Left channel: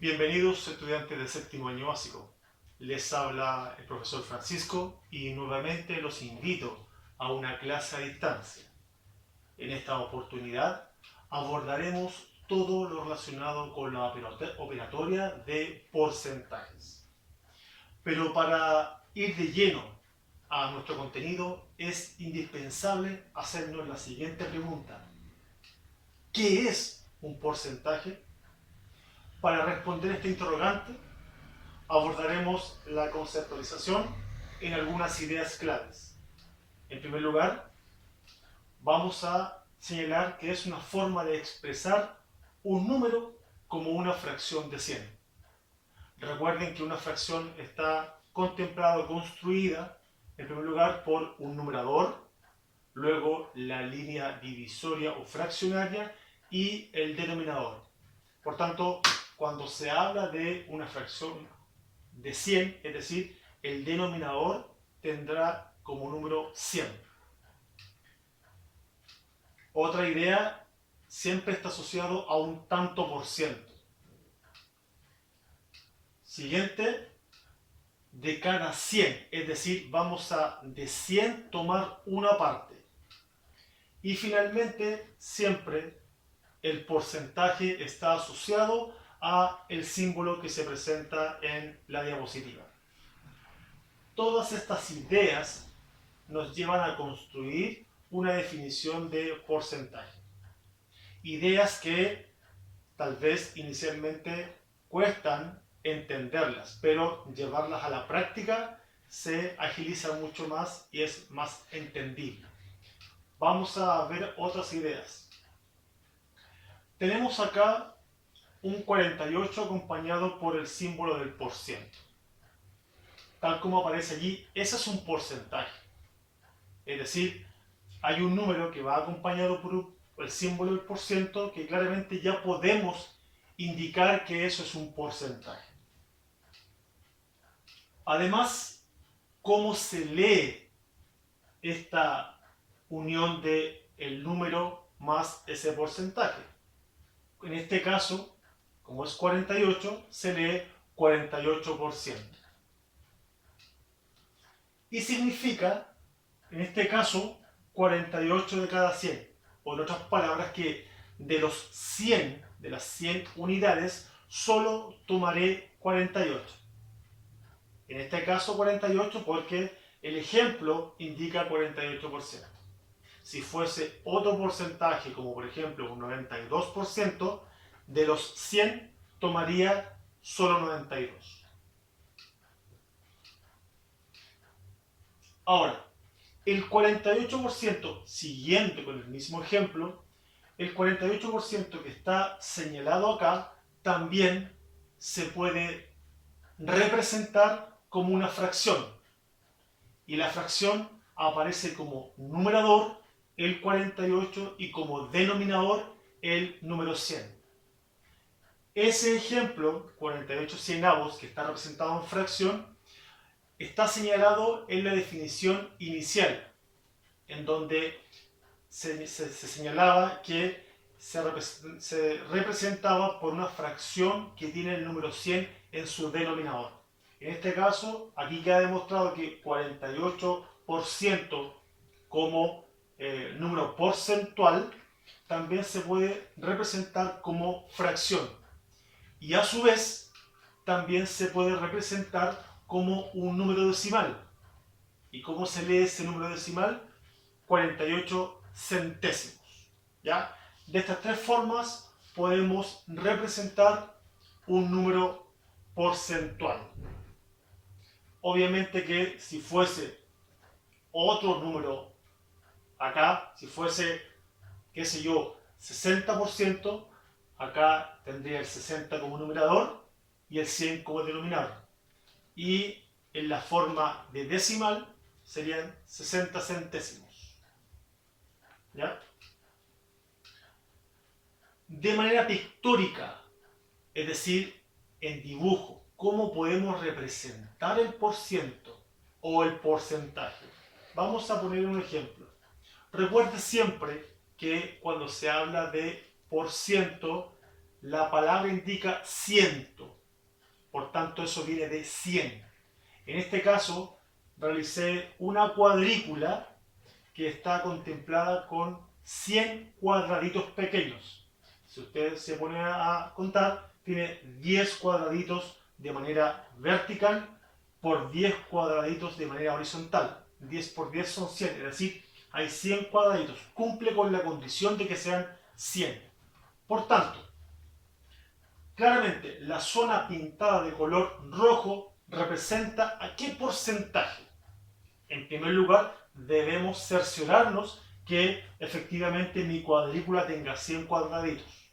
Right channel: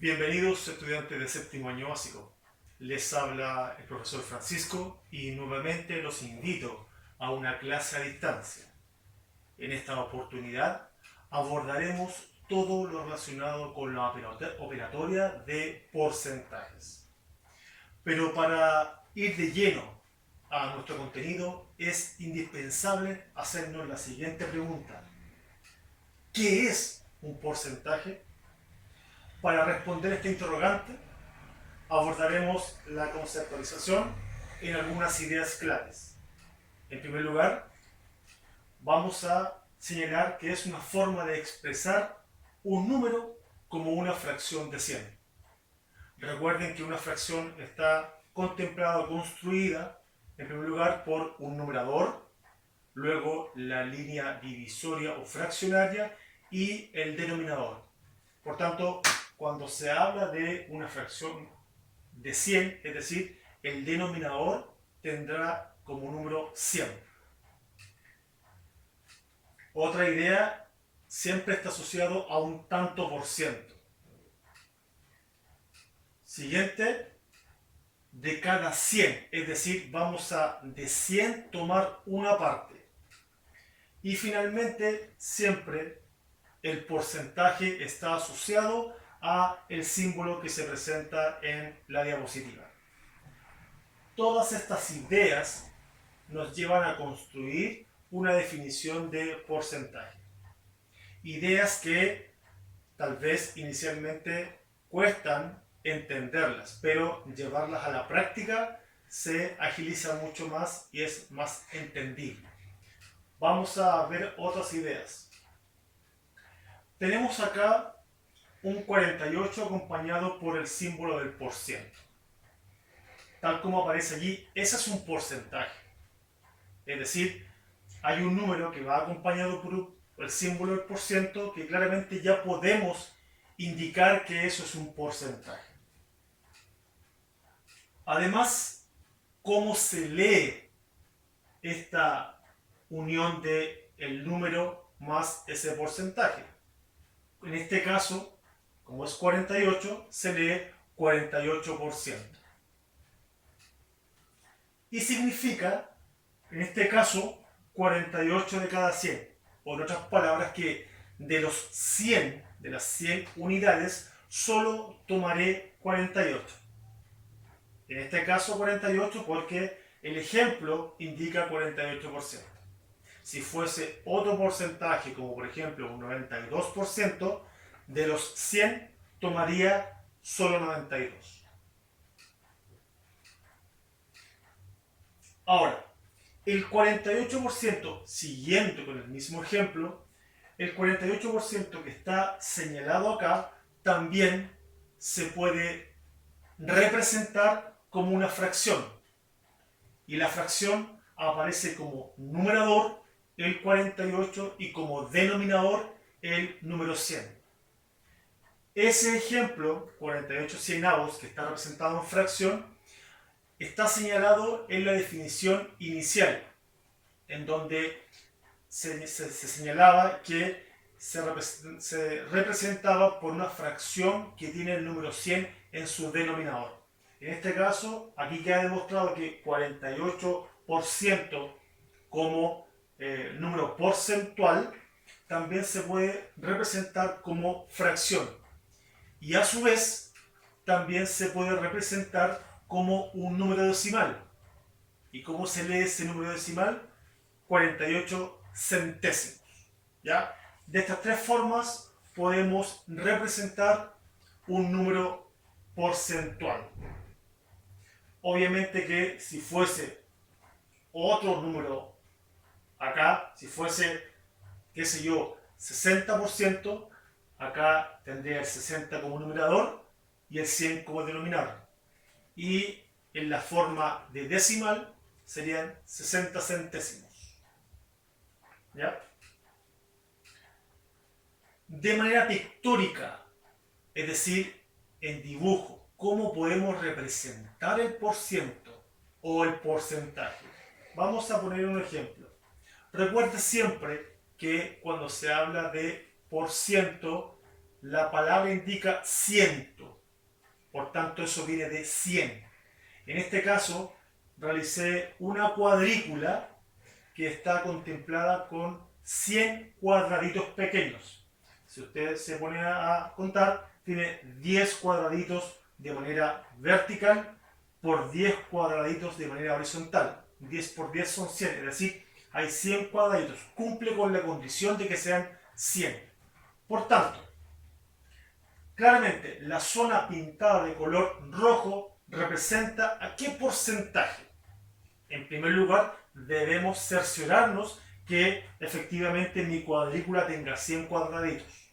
Bienvenidos estudiantes de séptimo año básico. Les habla el profesor Francisco y nuevamente los invito a una clase a distancia. En esta oportunidad abordaremos todo lo relacionado con la operatoria de porcentajes. Pero para ir de lleno a nuestro contenido es indispensable hacernos la siguiente pregunta. ¿Qué es un porcentaje? Para responder esta interrogante, abordaremos la conceptualización en algunas ideas claves. En primer lugar, vamos a señalar que es una forma de expresar un número como una fracción de 100. Recuerden que una fracción está contemplada o construida, en primer lugar, por un numerador, luego la línea divisoria o fraccionaria y el denominador. Por tanto, cuando se habla de una fracción de 100, es decir, el denominador tendrá como número 100. Otra idea siempre está asociado a un tanto por ciento. Siguiente, de cada 100, es decir, vamos a de 100 tomar una parte. Y finalmente, siempre el porcentaje está asociado a el símbolo que se presenta en la diapositiva. Todas estas ideas nos llevan a construir una definición de porcentaje. Ideas que tal vez inicialmente cuestan entenderlas, pero llevarlas a la práctica se agiliza mucho más y es más entendible. Vamos a ver otras ideas. Tenemos acá un 48 acompañado por el símbolo del por ciento. Tal como aparece allí, ese es un porcentaje. Es decir, hay un número que va acompañado por el símbolo del por ciento que claramente ya podemos indicar que eso es un porcentaje. Además, ¿cómo se lee esta unión de el número más ese porcentaje? En este caso, como es 48, se lee 48%. Y significa, en este caso, 48 de cada 100. O en otras palabras, que de los 100, de las 100 unidades, solo tomaré 48. En este caso 48 porque el ejemplo indica 48%. Si fuese otro porcentaje, como por ejemplo un 92%, de los 100 tomaría solo 92. Ahora, el 48%, siguiendo con el mismo ejemplo, el 48% que está señalado acá también se puede representar como una fracción. Y la fracción aparece como numerador el 48 y como denominador el número 100. Ese ejemplo, 48 cienavos, que está representado en fracción, está señalado en la definición inicial, en donde se señalaba que se representaba por una fracción que tiene el número 100 en su denominador. En este caso, aquí queda demostrado que 48% como número porcentual también se puede representar como fracción. Y a su vez, también se puede representar como un número decimal. ¿Y cómo se lee ese número decimal? 48 centésimos. ¿Ya? De estas tres formas podemos representar un número porcentual. Obviamente que si fuese otro número acá, si fuese, qué sé yo, 60%, acá tendría el 60 como numerador y el 100 como denominador. Y en la forma de decimal serían 60 centésimos. ¿Ya? De manera pictórica, es decir, en dibujo, ¿cómo podemos representar el porciento o el porcentaje? Vamos a poner un ejemplo. Recuerde siempre que cuando se habla de porciento la palabra indica ciento, por tanto eso viene de 100. En este caso realicé una cuadrícula que está contemplada con 100 cuadraditos pequeños. Si ustedes se ponen a contar, tiene 10 cuadraditos de manera vertical por 10 cuadraditos de manera horizontal. 10 por 10 son 100, es decir, hay 100 cuadraditos. Cumple con la condición de que sean 100. Por tanto, claramente la zona pintada de color rojo representa a qué porcentaje. En primer lugar, debemos cerciorarnos que efectivamente mi cuadrícula tenga 100 cuadraditos.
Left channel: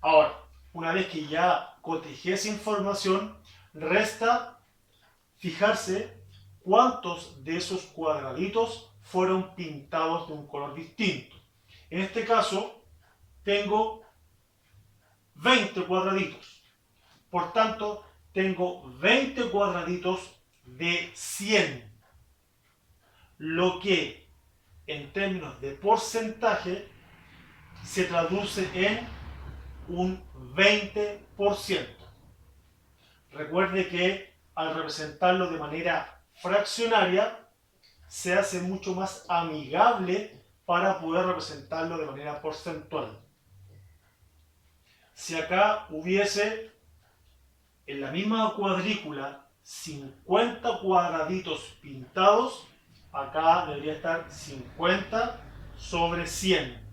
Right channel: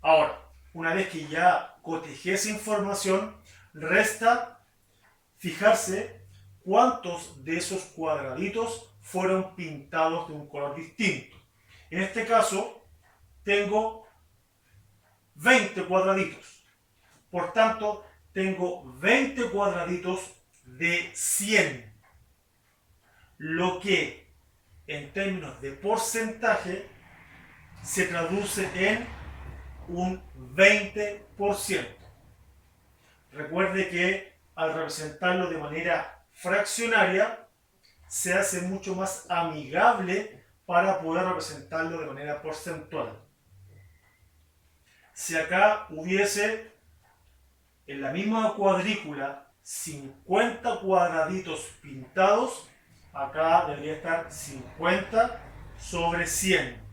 Ahora, una vez que ya cotejé esa información, resta fijarse cuántos de esos cuadraditos fueron pintados de un color distinto. En este caso, tengo 20 cuadraditos. Por tanto, tengo 20 cuadraditos de 100. Lo que en términos de porcentaje se traduce en un 20%. Recuerde que al representarlo de manera fraccionaria se hace mucho más amigable para poder representarlo de manera porcentual. Si acá hubiese en la misma cuadrícula 50 cuadraditos pintados, acá debería estar 50 sobre 100.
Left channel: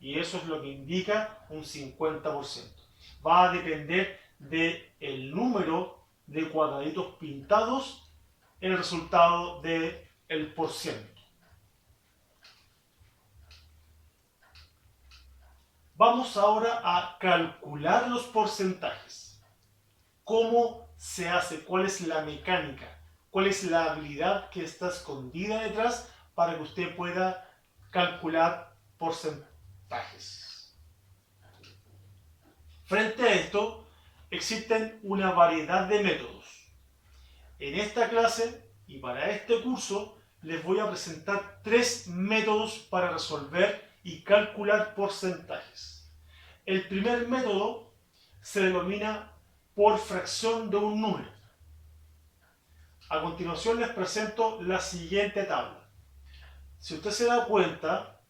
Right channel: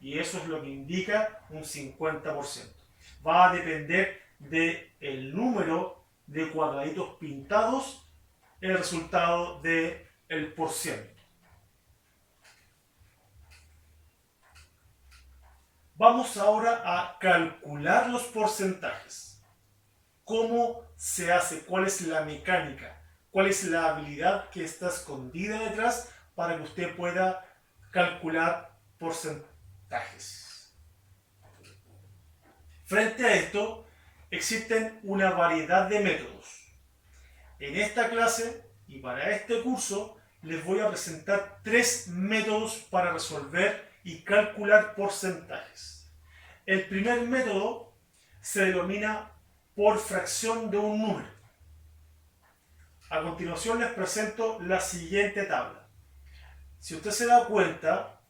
Y eso es lo que indica un 50%. Va a depender del número de cuadraditos pintados el resultado del porciento. Vamos ahora a calcular los porcentajes. ¿Cómo se hace? ¿Cuál es la mecánica? ¿Cuál es la habilidad que está escondida detrás para que usted pueda calcular porcentajes? Frente a esto, existen una variedad de métodos. En esta clase y para este curso les voy a presentar 3 métodos para resolver y calcular porcentajes. El primer método se denomina por fracción de un número. A continuación les presento la siguiente tabla. Si usted se da cuenta,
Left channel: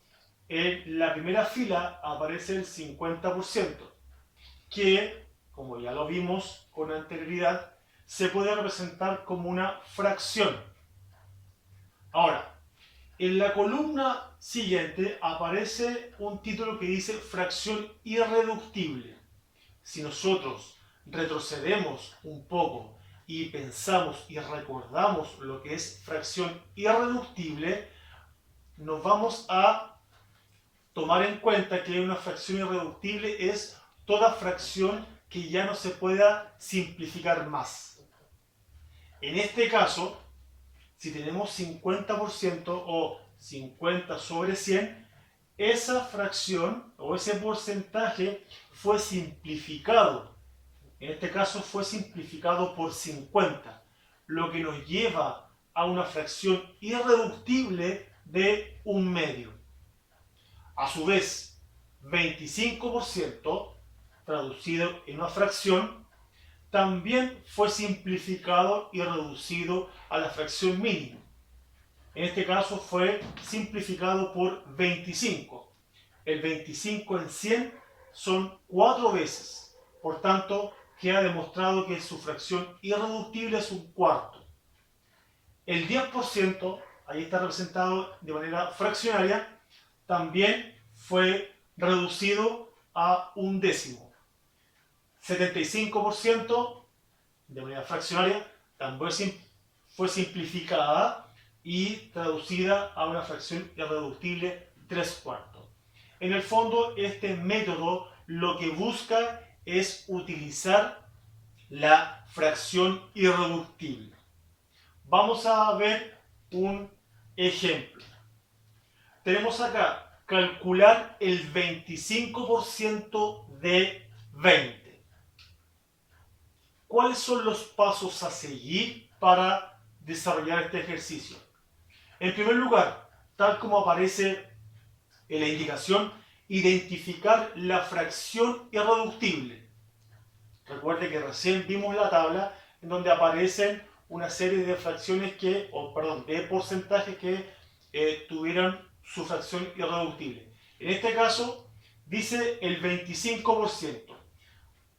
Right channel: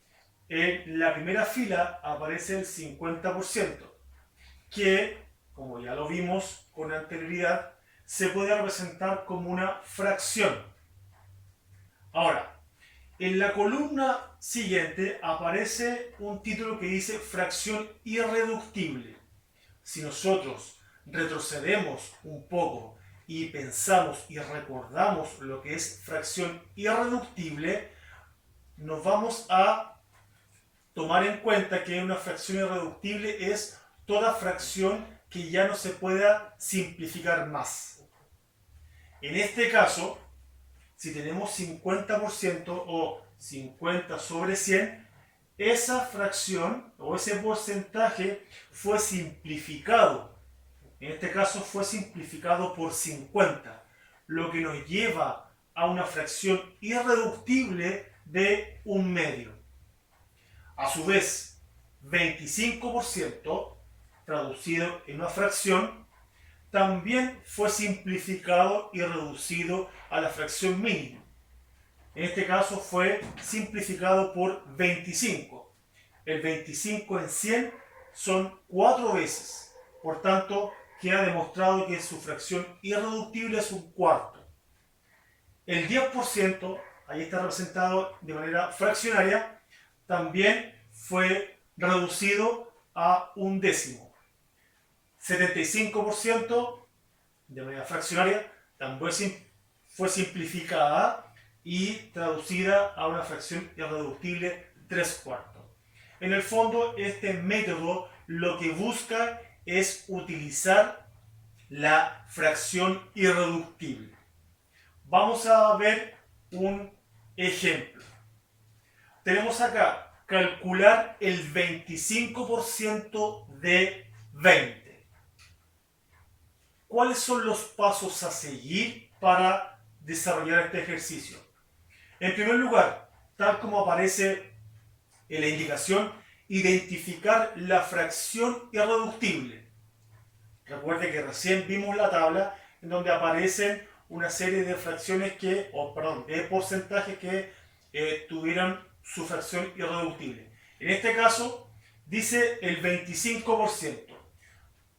en la primera fila aparece el 50%, que, como ya lo vimos con anterioridad, se puede representar como una fracción. Ahora, en la columna siguiente aparece un título que dice fracción irreductible. Si nosotros retrocedemos un poco y pensamos y recordamos lo que es fracción irreductible, nos vamos a tomar en cuenta que una fracción irreductible es toda fracción que ya no se pueda simplificar más. En este caso, si tenemos 50% o 50 sobre 100, esa fracción o ese porcentaje fue simplificado. En este caso fue simplificado por 50, lo que nos lleva a una fracción irreductible de un medio. A su vez, 25%, traducido en una fracción, también fue simplificado y reducido a la fracción mínima. En este caso fue simplificado por 25. El 25 en 100 son 4 veces. Por tanto, queda demostrado que su fracción irreductible es un cuarto. El 10%, ahí está representado de manera fraccionaria, también fue reducido a un décimo. 75% de manera fraccionaria también fue simplificada y traducida a una fracción irreductible 3/4. En el fondo, este método lo que busca es utilizar la fracción irreductible. Vamos a ver un ejemplo. Tenemos acá calcular el 25% de 20. ¿Cuáles son los pasos a seguir para desarrollar este ejercicio? En primer lugar, tal como aparece en la indicación, identificar la fracción irreductible. Recuerde que recién vimos la tabla en donde aparecen una serie de fracciones de porcentajes que tuvieran su fracción irreductible. En este caso dice el 25%.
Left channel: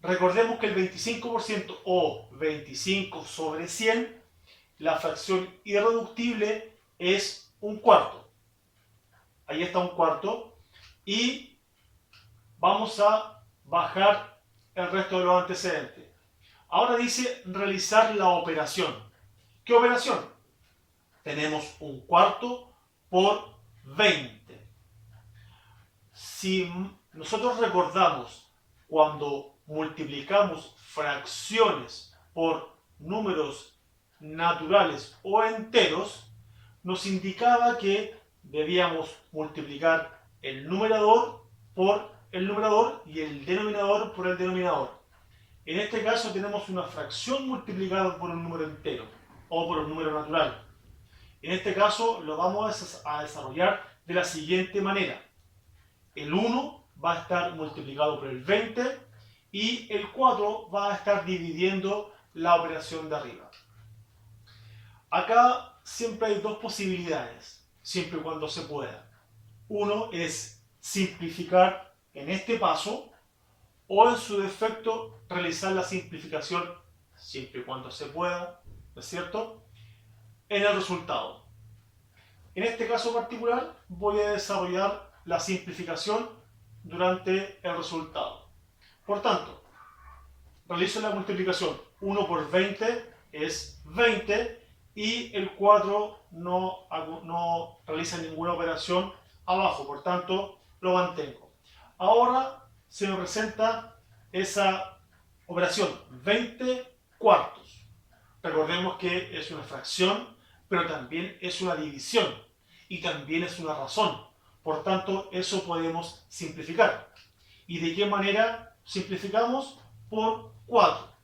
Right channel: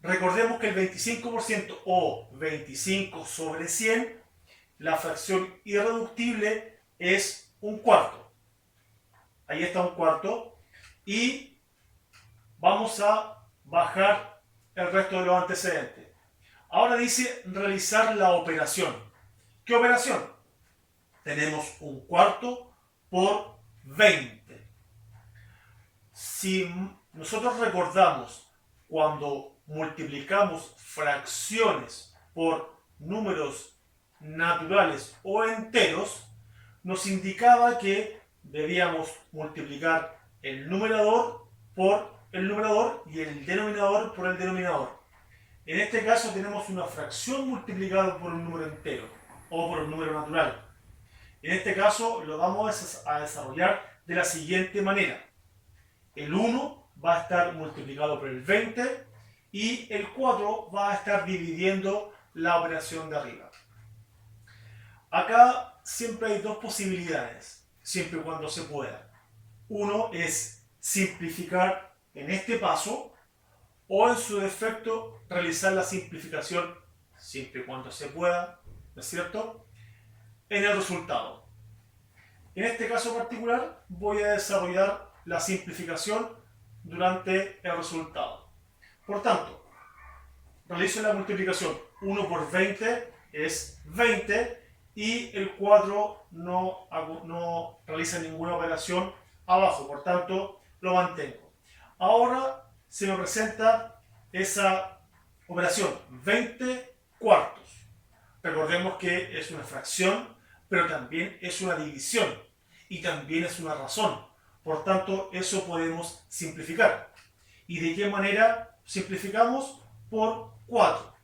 Recordemos que el 25% o 25 sobre 100, la fracción irreductible es un cuarto. Ahí está un cuarto. Y vamos a bajar el resto de los antecedentes. Ahora dice realizar la operación. ¿Qué operación? Tenemos un cuarto por 20. Si nosotros recordamos cuando multiplicamos fracciones por números naturales o enteros, nos indicaba que debíamos multiplicar el numerador por el numerador y el denominador por el denominador. En este caso tenemos una fracción multiplicada por un número entero o por un número natural. En este caso lo vamos a desarrollar de la siguiente manera. El 1 va a estar multiplicado por el 20 y el 4 va a estar dividiendo la operación de arriba. Acá siempre hay dos posibilidades, siempre y cuando se pueda. Uno es simplificar en este paso o en su defecto realizar la simplificación siempre y cuando se pueda, ¿no es cierto?, en el resultado. En este caso particular voy a desarrollar la simplificación durante el resultado. Por tanto, realizo la multiplicación. 1 por 20 es 20 y el 4 no realiza ninguna operación abajo, por tanto lo mantengo. Ahora se me presenta esa operación 20 cuartos. Recordemos que es una fracción, pero también es una división y también es una razón. Por tanto, eso podemos simplificar. ¿Y de qué manera simplificamos? Por 4.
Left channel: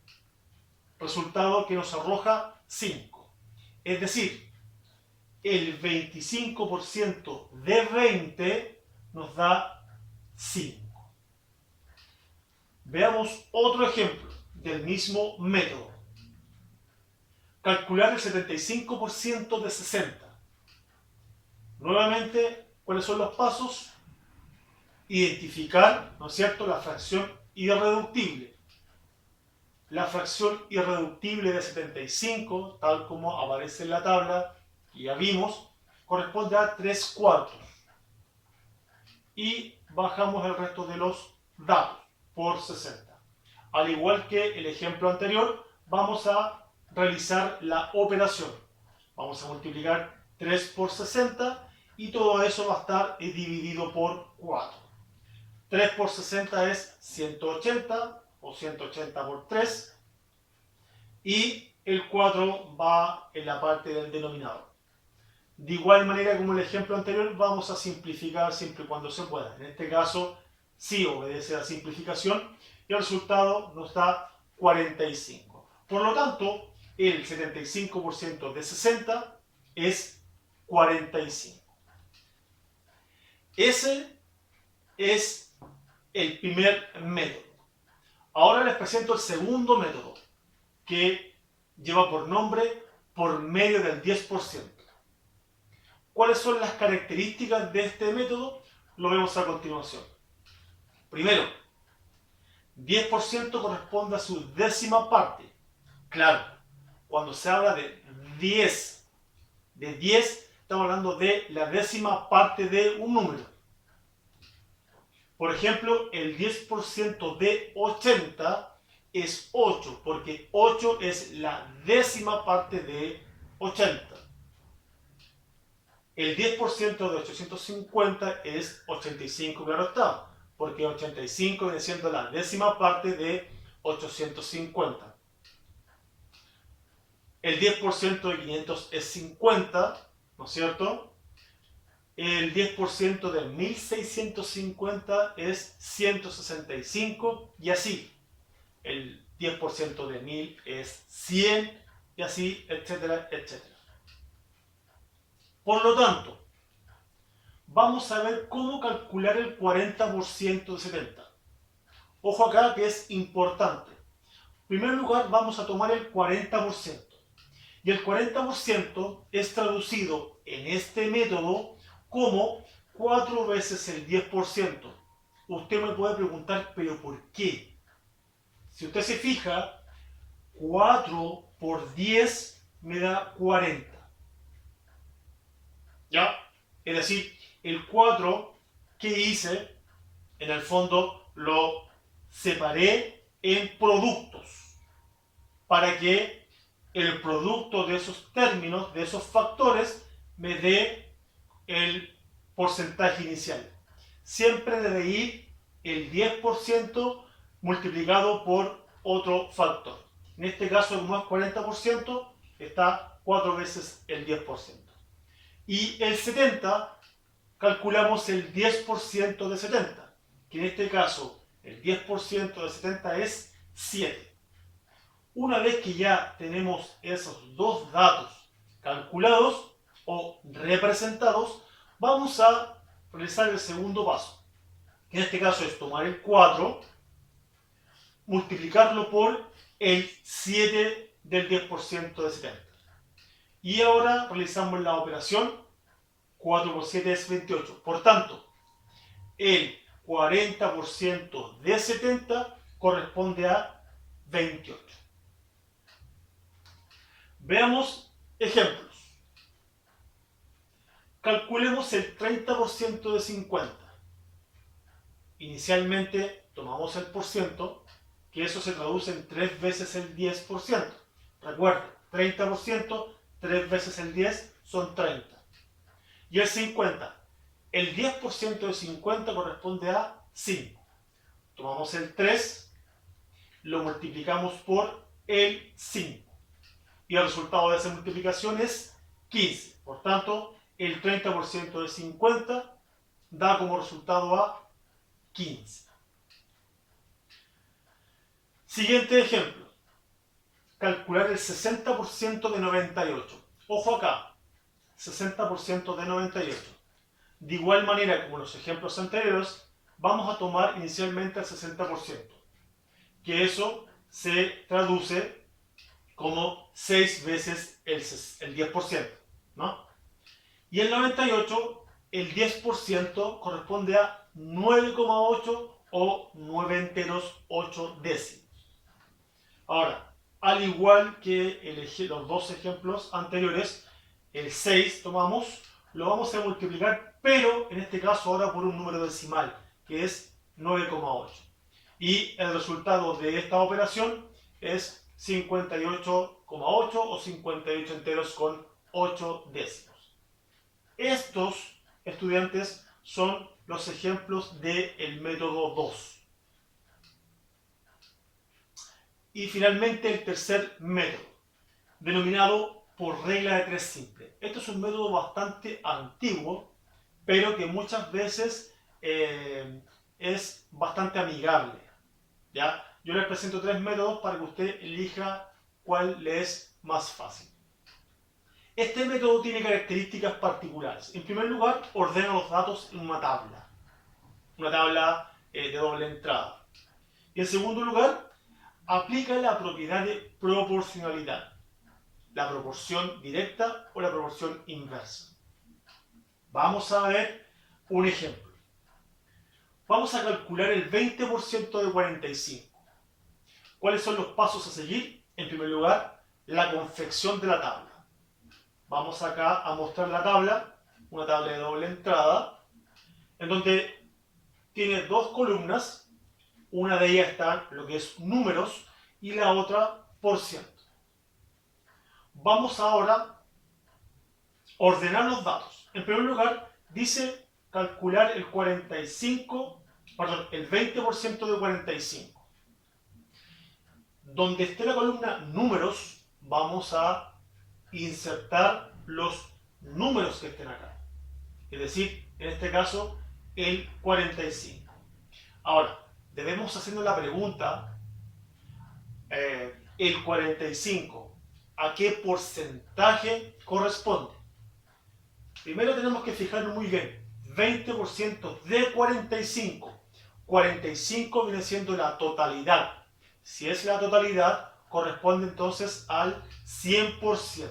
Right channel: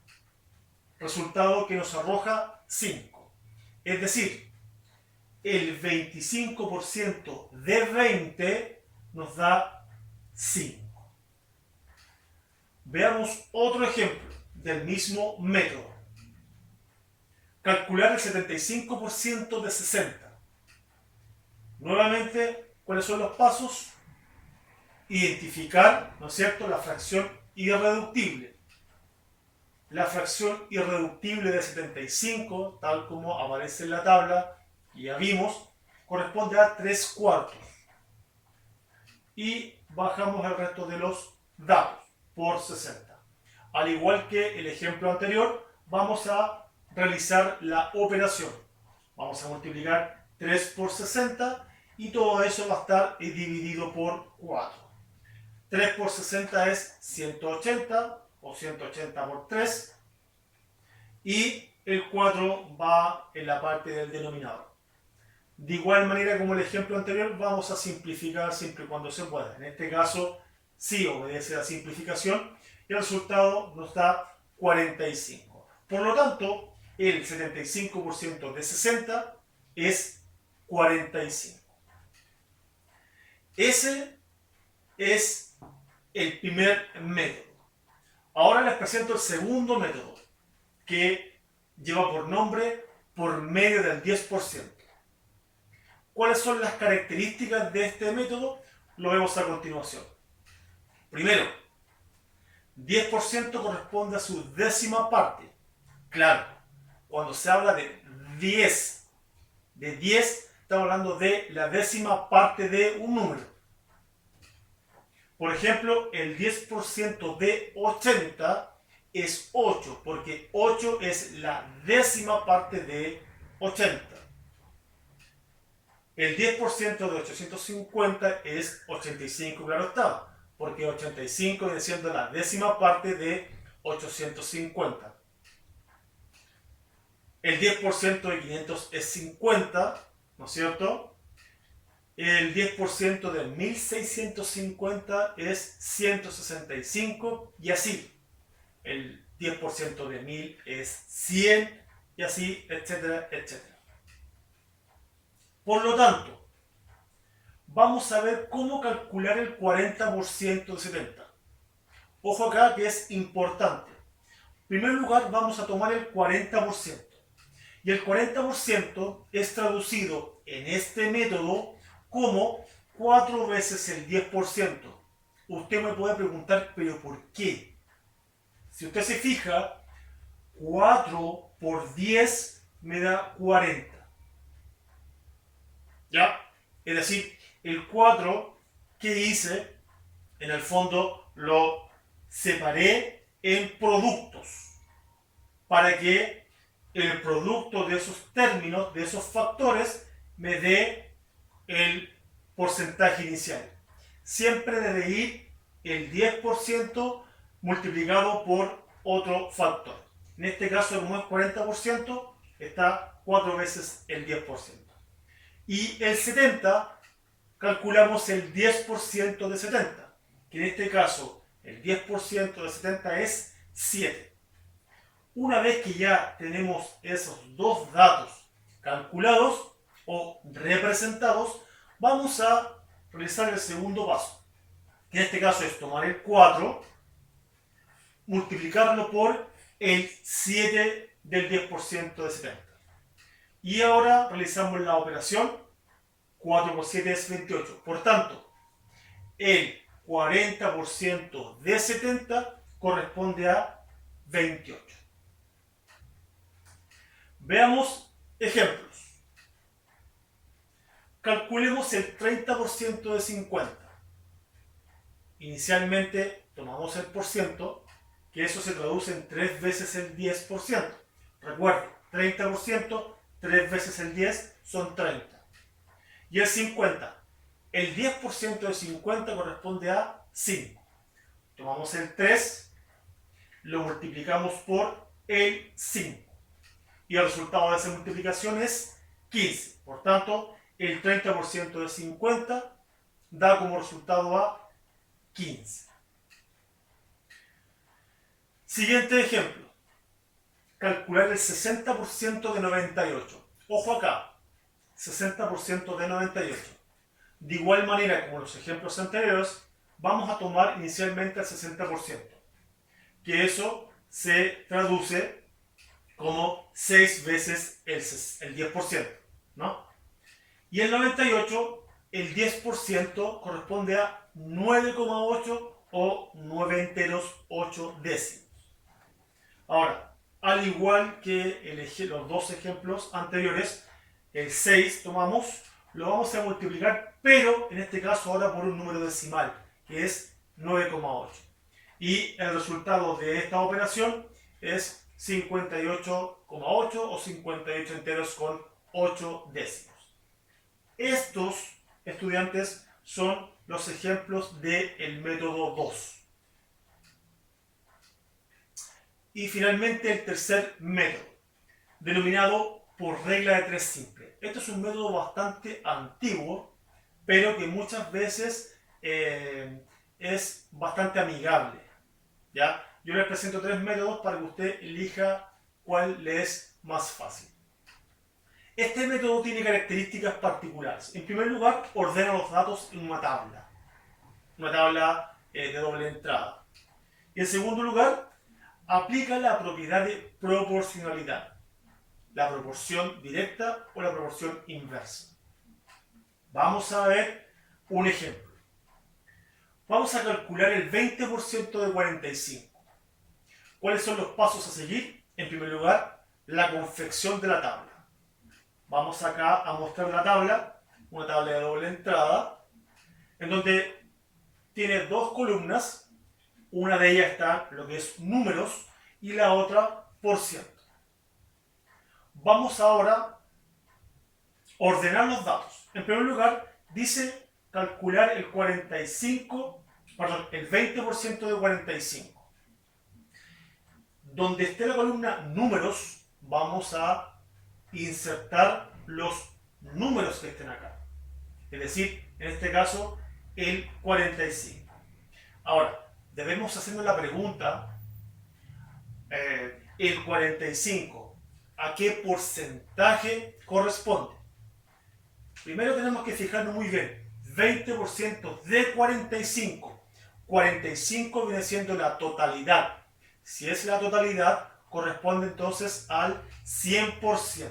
Resultado que nos arroja 5. Es decir, el 25% de 20 nos da 5. Veamos otro ejemplo del mismo método. Calcular el 75% de 60. Nuevamente, ¿cuáles son los pasos? Identificar, ¿no es cierto?, la fracción irreductible. La fracción irreductible de 75, tal como aparece en la tabla, que ya vimos, corresponde a 3 cuartos. Y bajamos el resto de los datos por 60. Al igual que el ejemplo anterior, vamos a realizar la operación. Vamos a multiplicar 3 por 60 y todo eso va a estar dividido por 4. 3 por 60 es 180 o 180 por 3 y el 4 va en la parte del denominador. De igual manera como el ejemplo anterior, vamos a simplificar siempre y cuando se pueda. En este caso sí obedece a la simplificación y el resultado nos da 45. Por lo tanto, el 75% de 60 es 45. Ese es el primer método. Ahora les presento el segundo método, que lleva por nombre por medio del 10%. ¿Cuáles son las características de este método? Lo vemos a continuación. Primero, 10% corresponde a su décima parte. Claro, cuando se habla de 10, estamos hablando de la décima parte de un número. Por ejemplo, el 10% de 80 es 8, porque 8 es la décima parte de 80. El 10% de 850 es 85, claro está, porque 85 viene siendo la décima parte de 850. El 10% de 500 es 50, ¿no es cierto? El 10% de 1650 es 165 y así. El 10% de 1000 es 100 y así, etcétera, etcétera. Por lo tanto, vamos a ver cómo calcular el 40% de 70. Ojo acá que es importante. En primer lugar vamos a tomar el 40%. Y el 40% es traducido en este método como 4 veces el 10%. Usted me puede preguntar, ¿pero por qué? Si usted se fija, 4 por 10 me da 40. ¿Ya? Es decir, el 4 que hice, en el fondo lo separé en productos para que el producto de esos términos, de esos factores, me dé el porcentaje inicial. Siempre debe ir el 10% multiplicado por otro factor. En este caso, como es 40%, está 4 veces el 10%. Y el 70, calculamos el 10% de 70, que en este caso el 10% de 70 es 7. Una vez que ya tenemos esos dos datos calculados o representados, vamos a realizar el segundo paso. En este caso es tomar el 4, multiplicarlo por el 7 del 10% de 70. Y ahora realizamos la operación. 4 por 7 es 28. Por tanto, el 40% de 70 corresponde a 28. Veamos ejemplos. Calculemos el 30% de 50. Inicialmente tomamos el porciento, que eso se traduce en 3 veces el 10%. Recuerden, 30%, 3 veces el 10 son 30. Y el 50. El 10% de 50 corresponde a 5. Tomamos el 3, lo multiplicamos por el 5. Y el resultado de esa multiplicación es 15. Por tanto, el 30% de 50 da como resultado a 15. Siguiente ejemplo. Calcular el 60% de 98. Ojo acá. 60% de 98. De igual manera como los ejemplos anteriores, vamos a tomar inicialmente el 60%, que eso se traduce como 6 veces el 10%, ¿no? Y el 98, el 10% corresponde a 9,8 o 9 enteros 8 décimos. Ahora, al igual que los dos ejemplos anteriores, el 6 tomamos, lo vamos a multiplicar, pero en este caso ahora por un número decimal, que es 9,8. Y el resultado de esta operación es 58,8 o 58 enteros con 8 décimos. Estos, estudiantes, son los ejemplos del método 2. Y finalmente el tercer método, denominado por regla de 3 simple. Este es un método bastante antiguo, pero que muchas veces es bastante amigable, ¿ya? Yo les presento 3 métodos para que usted elija cuál le es más fácil. Este método tiene características particulares. En primer lugar, ordena los datos en una tabla de doble entrada. Y en segundo lugar, aplica la propiedad de proporcionalidad, la proporción directa o la proporción inversa. Vamos a ver un ejemplo. Vamos a calcular el 20% de 45. ¿Cuáles son los pasos a seguir? En primer lugar, la confección de la tabla. Vamos acá a mostrar la tabla, una tabla de doble entrada, en donde tiene dos columnas. Una de ellas está lo que es números y la otra por ciento. Vamos ahora a ordenar los datos. En primer lugar, dice calcular el 20% de 45. Donde esté la columna números, vamos a insertar los números que estén acá. Es decir, en este caso, el 45. Ahora, debemos hacernos la pregunta, el 45, ¿a qué porcentaje corresponde? Primero tenemos que fijarnos muy bien. 20% de 45. 45 viene siendo la totalidad. Si es la totalidad, corresponde entonces al 100%.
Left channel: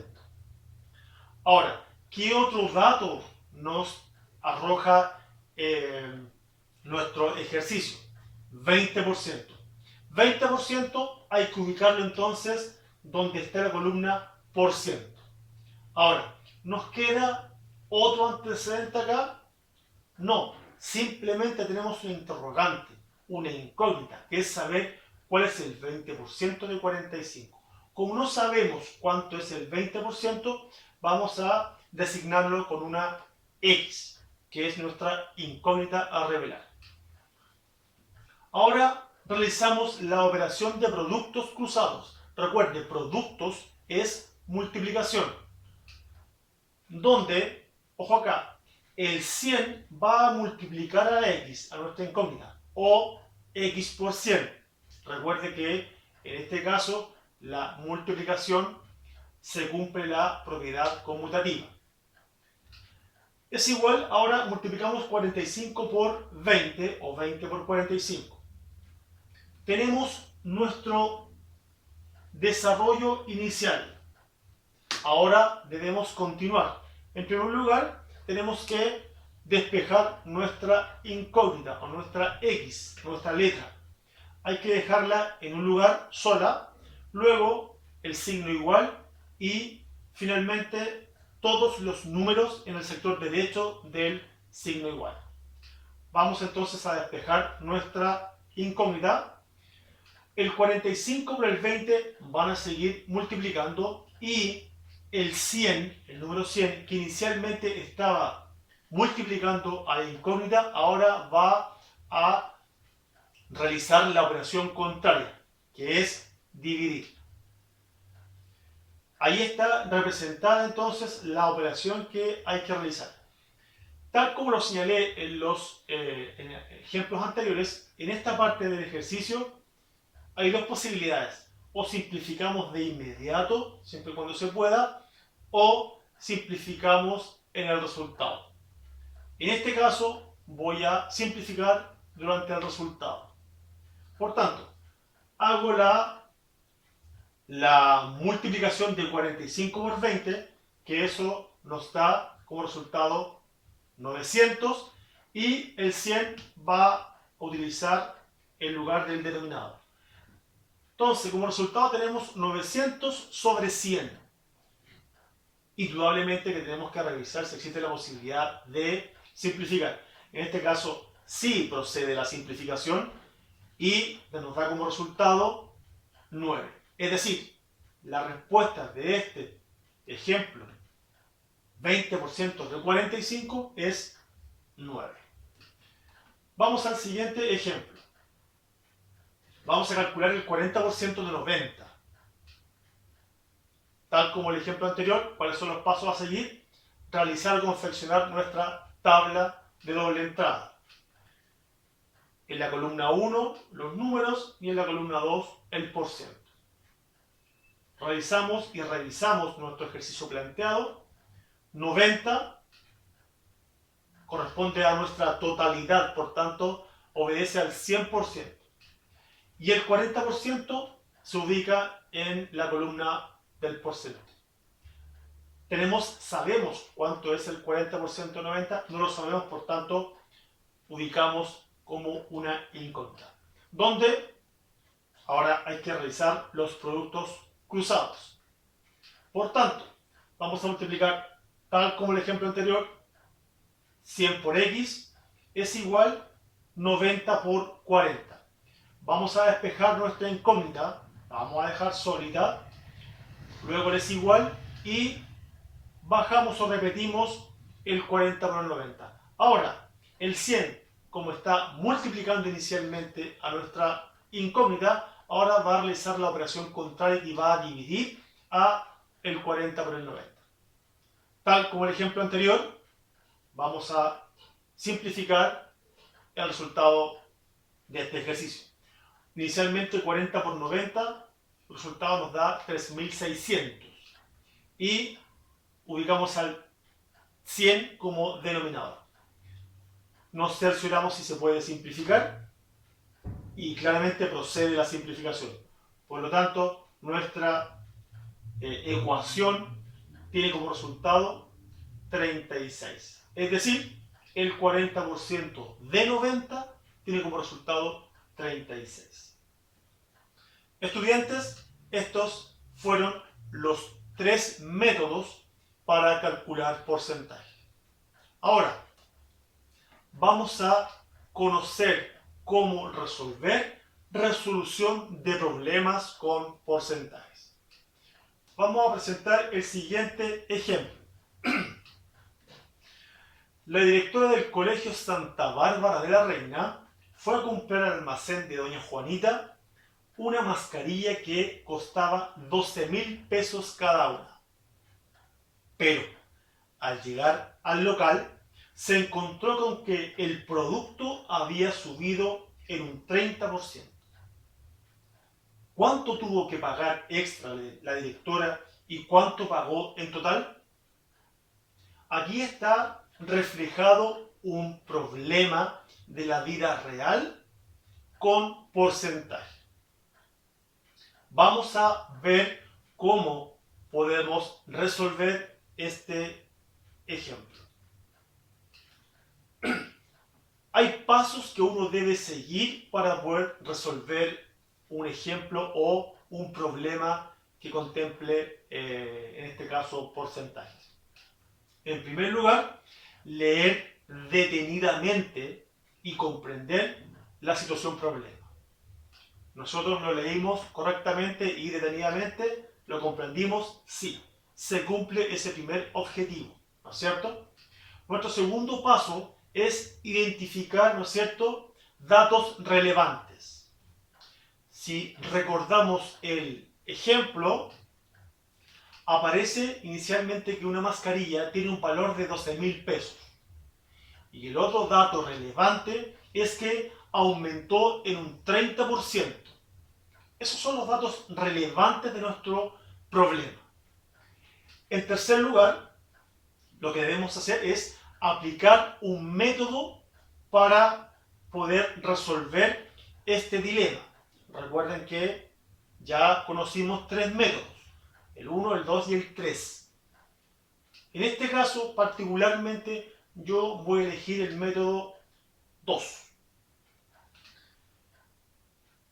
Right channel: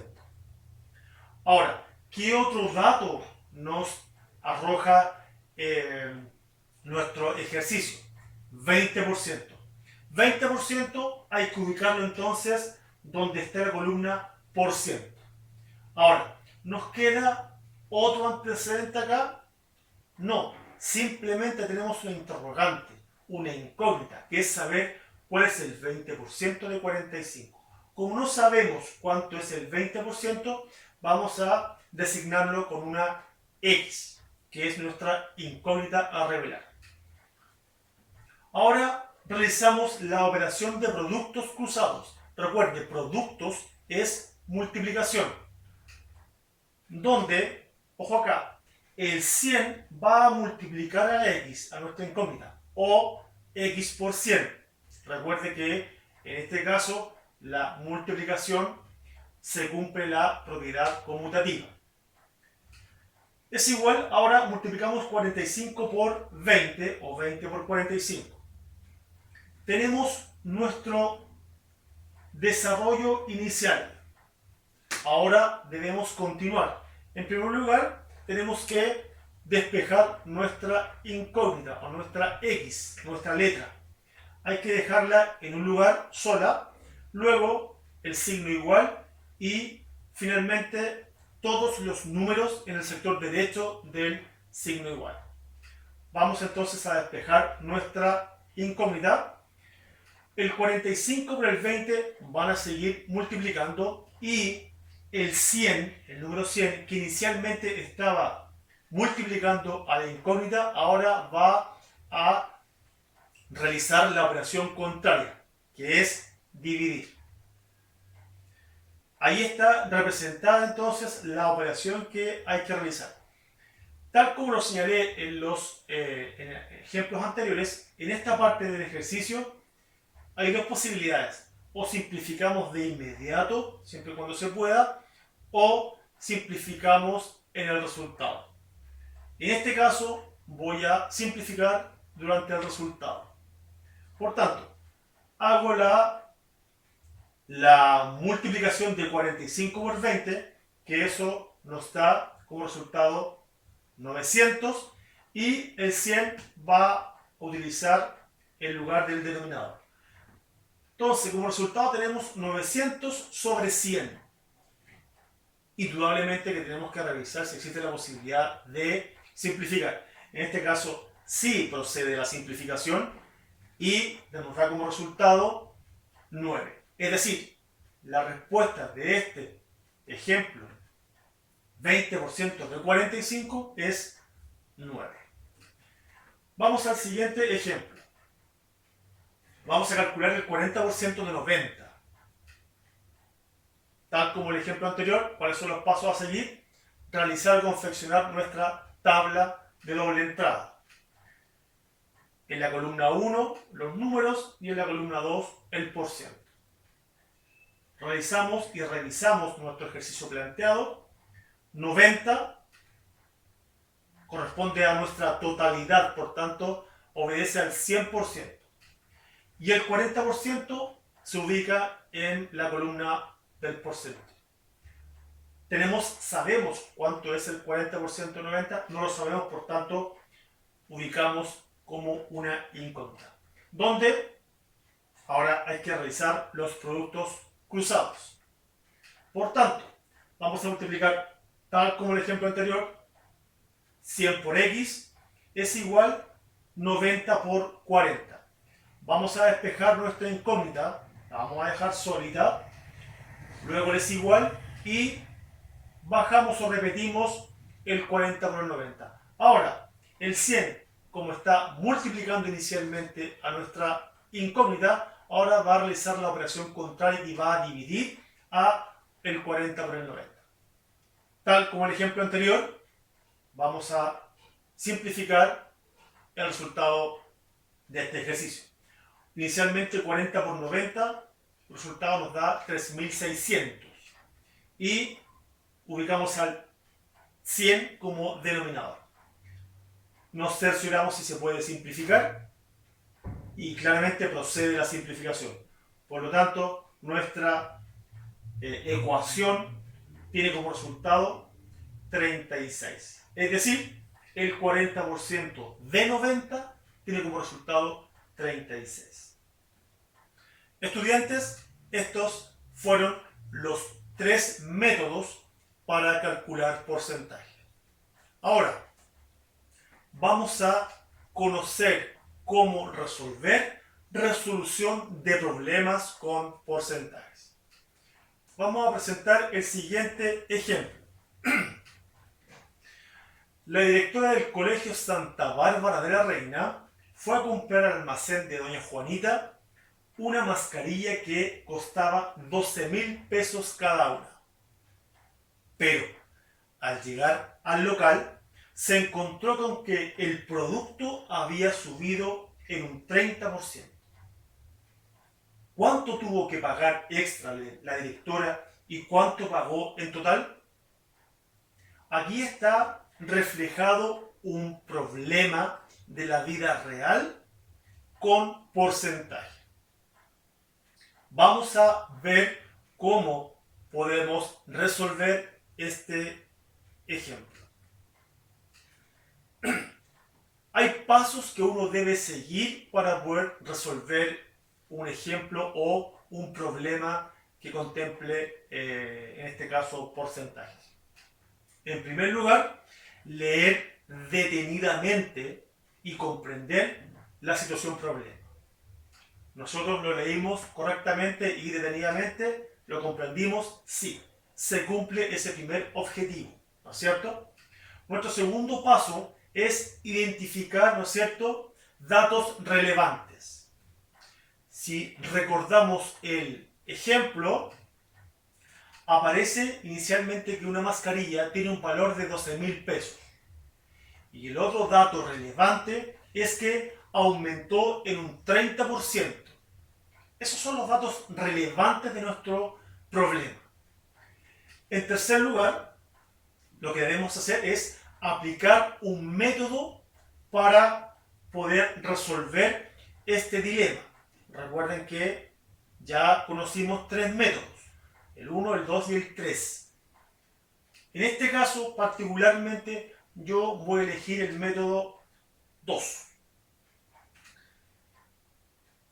Ahora, ¿qué otro dato nos arroja nuestro ejercicio? 20%. 20% hay que ubicarlo entonces donde esté la columna por ciento. Ahora, ¿nos queda otro antecedente acá? No, simplemente tenemos una interrogante, una incógnita, que es saber cuál es el 20% de 45. Como no sabemos cuánto es el 20%, vamos a designarlo con una X, que es nuestra incógnita a revelar. Ahora realizamos la operación de productos cruzados. Recuerde, productos es multiplicación, donde, ojo acá, el 100 va a multiplicar a la X, a nuestra incógnita, o X por 100. Recuerde que en este caso la multiplicación se cumple la propiedad conmutativa. Es igual, ahora multiplicamos 45 por 20 o 20 por 45. Tenemos nuestro desarrollo inicial. Ahora debemos continuar. En primer lugar, tenemos que despejar nuestra incógnita o nuestra X, nuestra letra. Hay que dejarla en un lugar sola, luego el signo igual y finalmente todos los números en el sector derecho del signo igual. Vamos entonces a despejar nuestra incógnita. El 45 por el 20 van a seguir multiplicando y el 100, el número 100, que inicialmente estaba multiplicando a la incógnita, ahora va a realizar la operación contraria, que es dividir. Ahí está representada entonces la operación que hay que realizar. Tal como lo señalé en los en ejemplos anteriores, en esta parte del ejercicio hay dos posibilidades. O simplificamos de inmediato, siempre y cuando se pueda, o simplificamos en el resultado. En este caso voy a simplificar durante el resultado. Por tanto, hago la multiplicación de 45 por 20, que eso nos da como resultado 900, y el 100 va a utilizar el lugar del denominador. Entonces, como resultado tenemos 900 sobre 100. Indudablemente que tenemos que revisar si existe la posibilidad de simplificar. En este caso, sí procede la simplificación y nos da como resultado 9. Es decir, la respuesta de este ejemplo, 20% de 45, es 9. Vamos al siguiente ejemplo. Vamos a calcular el 40% de 90. Tal como el ejemplo anterior, ¿cuáles son los pasos a seguir? Realizar o confeccionar nuestra tabla de doble entrada. En la columna 1, los números, y en la columna 2, el porciento. Realizamos y revisamos nuestro ejercicio planteado. 90 corresponde a nuestra totalidad, por tanto, obedece al 100%. Y el 40% se ubica en la columna del porcentaje. Sabemos cuánto es el 40% de 90, no lo sabemos, por tanto, ubicamos como una incógnita. Donde ahora hay que realizar los productos cruzados. Por tanto, vamos a multiplicar, tal como el ejemplo anterior, 100 por X es igual 90 por 40. Vamos a despejar nuestra incógnita, la vamos a dejar sólida, luego es igual y bajamos o repetimos el 40 por el 90. Ahora, el 100, como está multiplicando inicialmente a nuestra incógnita, ahora va a realizar la operación contraria y va a dividir a el 40 por el 90. Tal como el ejemplo anterior, vamos a simplificar el resultado de este ejercicio. Inicialmente 40 por 90, el resultado nos da 3600. Y ubicamos al 100 como denominador. nos cercioramos si se puede simplificar y claramente procede la simplificación. Por lo tanto, nuestra ecuación tiene como resultado 36. Es decir, el 40% de 90 tiene como resultado 36. Estudiantes, estos fueron los 3 métodos para calcular porcentaje. Ahora, vamos a conocer cómo resolver resolución de problemas con porcentajes. Vamos a presentar el siguiente ejemplo. La directora del Colegio Santa Bárbara de la Reina fue a comprar al almacén de doña Juanita una mascarilla que costaba 12.000 pesos cada una. Pero al llegar al local se encontró con que el producto había subido en un 30%. ¿Cuánto tuvo que pagar extra la directora y cuánto pagó en total? Aquí está reflejado un problema de la vida real con porcentaje. Vamos a ver cómo podemos resolver este ejemplo. Hay pasos que uno debe seguir para poder resolver un ejemplo o un problema que contemple, en este caso, porcentajes. En primer lugar, leer detenidamente y comprender la situación problema. Nosotros lo leímos correctamente y detenidamente, lo comprendimos, sí, se cumple ese primer objetivo, ¿no es cierto? Nuestro segundo paso es identificar, ¿no es cierto?, datos relevantes. Si recordamos el ejemplo, aparece inicialmente que una mascarilla tiene un valor de 12.000 pesos. Y el otro dato relevante es que aumentó en un 30%. Esos son los datos relevantes de nuestro problema. En tercer lugar, lo que debemos hacer es aplicar un método para poder resolver este dilema. Recuerden que ya conocimos 3 métodos, el 1, el 2 y el 3. En este caso, particularmente, yo voy a elegir el método 2.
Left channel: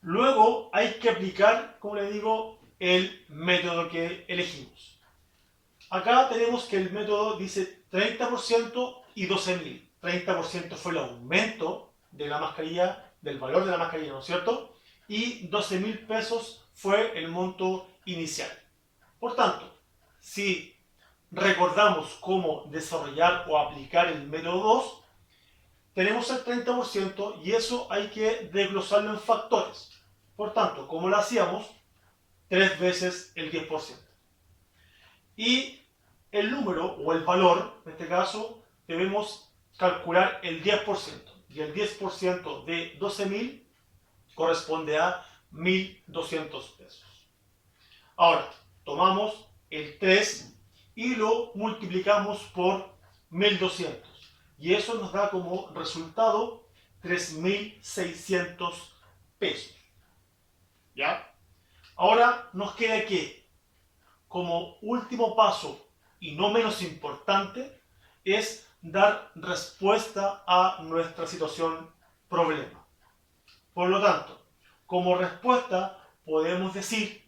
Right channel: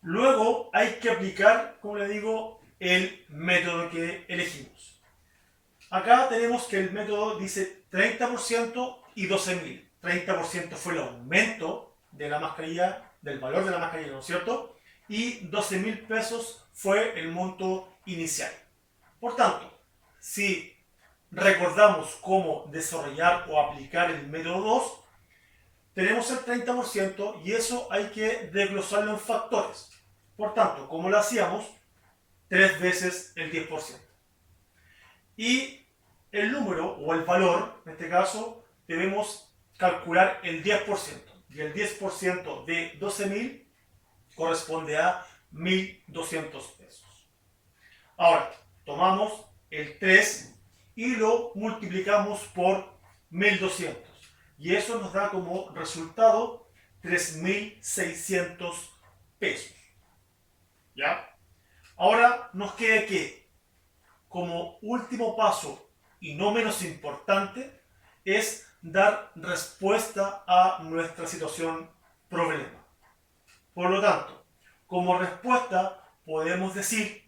Luego hay que aplicar, como le digo, el método que elegimos. Acá tenemos que el método dice 30% y 12.000. 30% fue el aumento de la mascarilla, del valor de la mascarilla, ¿no es cierto? Y 12.000 pesos fue el monto inicial. Por tanto, si recordamos cómo desarrollar o aplicar el método 2, tenemos el 30% y eso hay que desglosarlo en factores. Por tanto, ¿cómo lo hacíamos? 3 veces el 10%. Y el número o el valor, en este caso, debemos calcular el 10%. Y el 10% de 12.000 corresponde a 1.200 pesos. Ahora, tomamos el 3 y lo multiplicamos por 1.200. Y eso nos da como resultado 3.600 pesos. ¿Ya? Ahora nos queda que, como último paso y no menos importante, es dar respuesta a nuestra situación problema. Por lo tanto, como respuesta podemos decir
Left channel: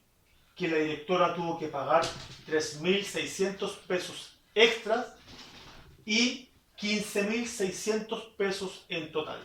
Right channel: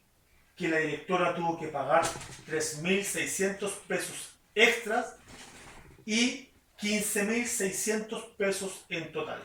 que la directora tuvo que pagar 3.600 pesos extras y 15.600 pesos en total.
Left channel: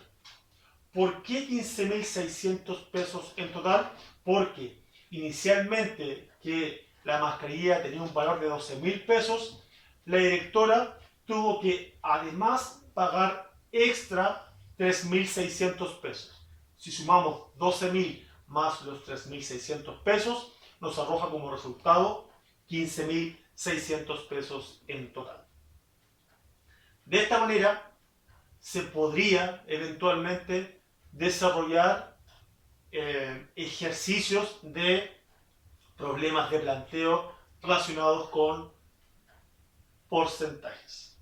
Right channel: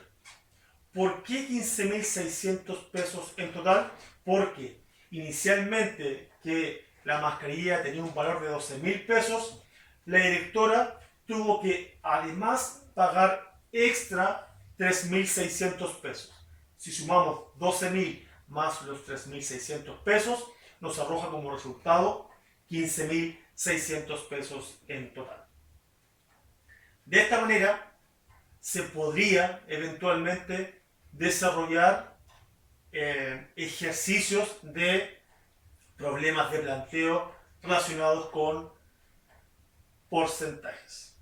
¿Por qué 15.600 pesos en total? Porque inicialmente que la mascarilla tenía un valor de 12.000 pesos, la directora tuvo que además pagar extra 3.600 pesos. Si sumamos 12.000 más los 3.600 pesos, nos arroja como resultado 15.600 pesos en total. De esta manera se podría eventualmente desarrollar ejercicios de problemas de planteo relacionados con porcentajes.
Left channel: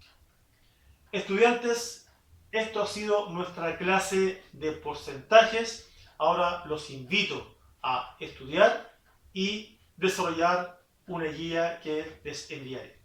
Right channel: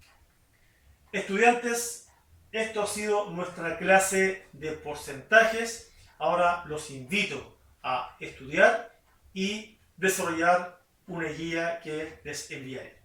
Estudiantes, Esto ha sido nuestra clase de porcentajes. Ahora los invito a estudiar y desarrollar una guía que les enviaré.